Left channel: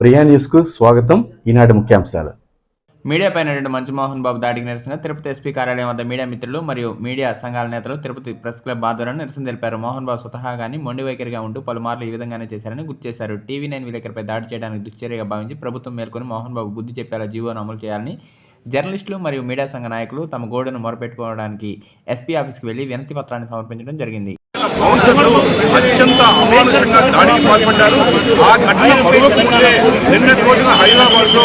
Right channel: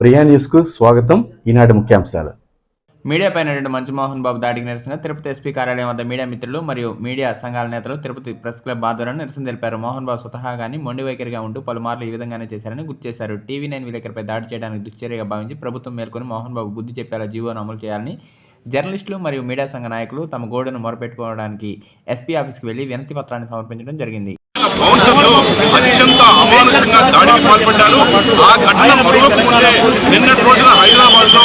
ప్రియా న్యూస్కు స్వాగతం. ఈనాటి ముఖ్యాంశాలు. మీడియా పైన రెండు మంచు మోహన్ బాబు దాడికి నిరసనగా తిరుపతి ఎస్పీ కార్యాలయం వద్ద మీడియా మిత్రులు మరియు మీడియా సంఘాల నేతలు తిరుపతి ప్రెస్ క్లబ్ ఆధ్వర్యంలో నిరసన తెలిపారు. మోహన్ బాబు స్వతహాగాని మొండి వైఖరిగా ఉంటూ పలుమార్లు ఈ విధంగానే చేశారని గుర్తు చేశారు. టీవీ నైన్ విలేకరిపై దాడి చేయడానికి దుశ్చర్యగా భావించి ప్రభుత్వం మేల్కొని మోహన్ బాబు బుద్ధి చెప్పేలా జీవోను అమలు చేయాలని జర్నలిస్టులు మరియు మీడియా సంఘ నాయకులు తమ గోడును మొరపెట్టుకోవడానికి ఎస్పీ ఆఫీస్కి వెళ్ళి వినతి పత్రాన్ని సమర్పించడం జరిగింది. బౌన్సర్లు అత్యంత అమానుషంగా దాడికి పాల్పడ్డారు. ఆ ఘటన మరొక ముందే నిన్నటి రోజున హైదరాబాద్లో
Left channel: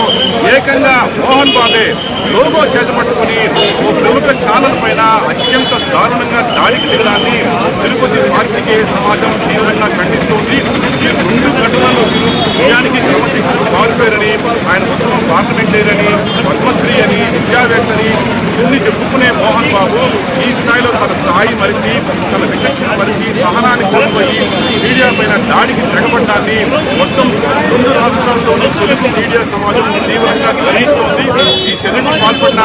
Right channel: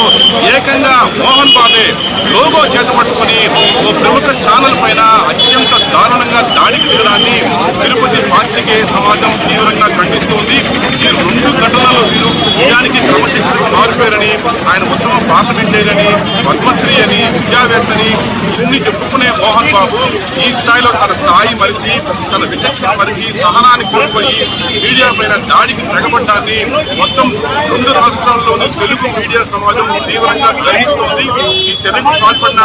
ఏకంగా మోహన్ బాబే లోగో చేతపట్టుకుని ఓ ప్రముఖ ఛానల్ పైన అత్యంత దారుణంగా దాడికి దిగడాన్ని తిరుపతి పాత్రికేయ సమాజం తీవ్రంగా ఖండిస్తోంది. ఈ రెండు ఘటనలు వీరు నిజానికి క్రమశిక్షణ మారిపోయారని ఆయన ఉత్తమ పార్లమెంటేరియని పద్మశ్రీ విద్యావేత్తని ఇన్ని చెప్పుకునే మోహన్ బాబు ఈ స్థాయిలో తన స్థాయి మరిచి తన విచక్షణ మరిచి సహనాన్ని కోల్పోయి మీడియా పైన దాడికి తెగబడ్డాన్ని మొత్తం రెండు రాష్ట్రాల్లోని తెలుగు మీడియా సమాజం తీవ్రంగా గ్రహిస్తోంది. ఈ చర్యకు పాల్పడిన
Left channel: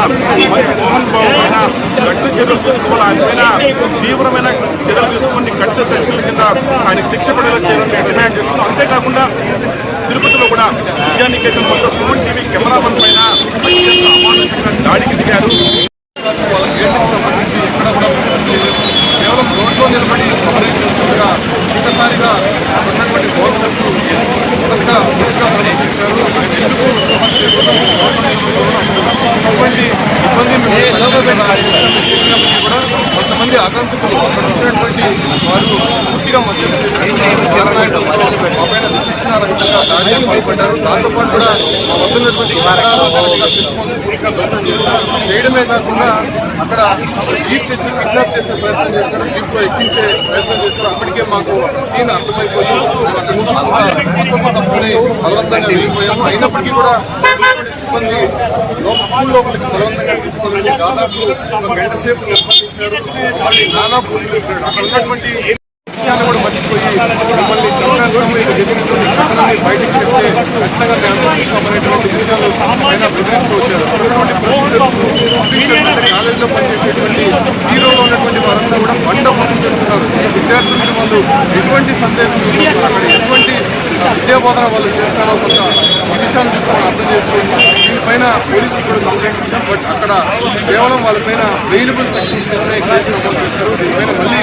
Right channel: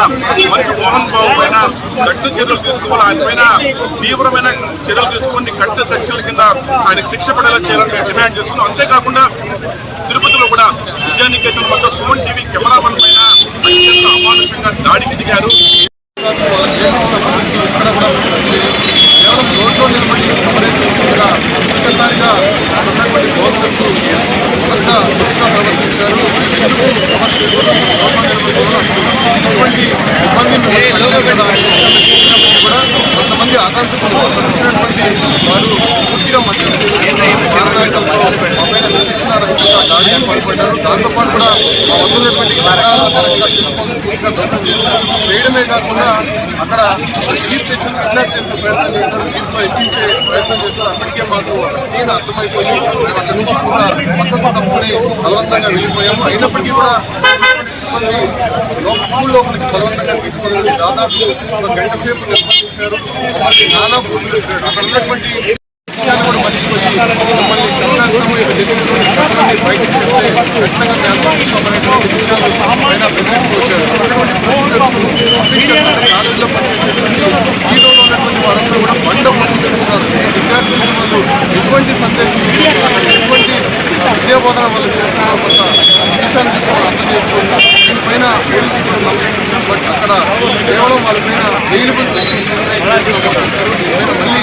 మంచి మోహన్ బాబు పైన కట్టు చర్యలు తీసుకోవాలి. ఆయన పైన తీవ్రమైన చర్యలు తీసుకొని కట్టు సెక్షన్ల కింద ఆయనకు శిక్ష పడేలా చేయాలని మేము డిమాండ్ చేస్తున్నాం. అంతేకాకుండా తిరుపతిలో కూడా విద్యానికేతన్ వద్ద సుమన్ టీవీ కెమెరామన్ పైన అత్యంత అమానుషంగా దాడికి దిగారు. వాళ్ళ గేట్కి సంబంధించి ఎక్కడ కూడా కేవలం రోడ్లో నిలబడి కవరేజ్ చేస్తుండగా ఒక్కసారిగా అక్కడ ఉన్నటువంటి బౌన్సర్స్ మొదటగా దురుసుగా ప్రవర్తించారు మేము ఎందుకు కవర్ చేయకూడదు? రోడ్లో అసలు ఇటువంటి ఇబ్బంది మిమ్మల్ని పెట్టలేదు కదా అనే విషయాన్ని చెప్పినప్పటికీ కూడా కొంతమంది ఆగంతుకులు అక్కడ వచ్చినటువంటి వారు పూర్తిగా మద్యం సేవిస్తున్నారు. మారనాయుడులతో మా పైన విచక్షణ రహితంగా దాడికి పాల్పడ్డారు. దాంతోపాటు కూడా మా వద్ద ఉన్నటువంటి కెమెరాలు కరెక్ట్గా సెల్ ఫోన్స్ పూర్తిగా ధ్వంసం చేశారు. చేయడమే కాకుండా అక్కడ జీప్ తెచ్చి కిడ్నాప్ చేసే ప్రయత్నం చేశారు జీప్లో ఎక్కించే ప్రయత్నం చేశారు. అప్పటికే మాకు అక్కడ సీన్ అర్థమైపోయి మేము అక్కడ నుంచి కూడా పక్కకు తప్పుకుని బలవంతంగా వెళ్ళిపోయాము. అయినప్పటికీ కూడా సిబ్బంది స్కూల్ లోపలికి బలవంతంగా తీసుకొని వెళ్ళి దాదాపు ఒక గంట సేపు నిర్బంధించారు మమ్మల్ని నానా బూతులు అక్కడ ఉన్నటువంటి విషయాలు కూడా మర్చిపోయి మిమ్మల్ని చంపేస్తాము. ఇక జరిగినటువంటి ఘటనని బయటికి చెప్తే ఖచ్చితంగా మేము అనేటువంటి విషయాలు పైన బెదిరిస్తూ వచ్చారు. అక్కడ ప్రొఫెసర్స్ అఫీషియల్స్ అంటే కాలేజీలో పనిచేసేటువంటి హీరోలో ఉన్నటువంటి వారంతా కూడా బండ ముందు విద్యార్థులకి వాళ్ళు ఎటువంటి సందేశం అక్కడ ఎటువంటి విద్యా బోధన వాళ్ళు చేస్తున్నారో కొంత ఈ విషయాన్ని చూస్తే మనం అర్థం చేసుకోవచ్చు. దీనిపైన పోలీసులు కూడా కంప్లైంట్ ఇచ్చాం బట్ అక్కడ కేవలం వాళ్ళపైన వెయిలబుల్ సెక్షన్స్ కిందనే కేసు నమోదు చేశారు. దీనిపైన మళ్ళీ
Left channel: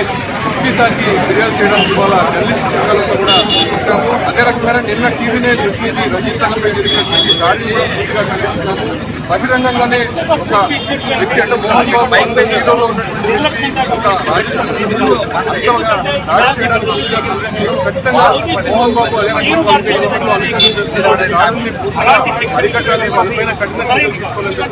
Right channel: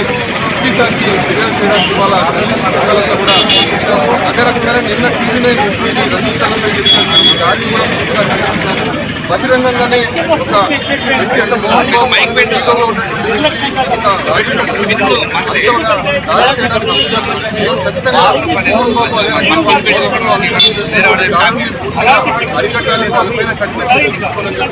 ఎస్పీ సార్కి ఫిర్యాదు చేయడానికి ఇవాళ జర్నలిస్ట్ సంఘాలంతా కూడా ఇచ్చాము అదే రకంగానే నిన్న టీవీ నైన్ ప్రతినిధి రంజిత్ జరిగినటువంటి దాడిని కూడా పూర్తిగా ఖండిస్తున్నాము. బహిరంగంగానే ఒక వ్యక్తి అంటే మోహన్ బాబు హీరోలో ఉన్నటువంటి వ్యక్తి ఒక రాజ్యసభ సభ్యుడు. అంతగా దాడి చేయడానికి పూర్తిగా ఖండిస్తున్నాం. ఖచ్చితంగా మోహన్ బాబు అదే రకంగా వాళ్ళ పోలీసులు అనుసరణ చేస్తున్నారు దాడిని పూర్తిగా అరికట్టాలి. వాళ్ళపైన కఠిన చర్యలు తీసుకోవాలని చెప్పి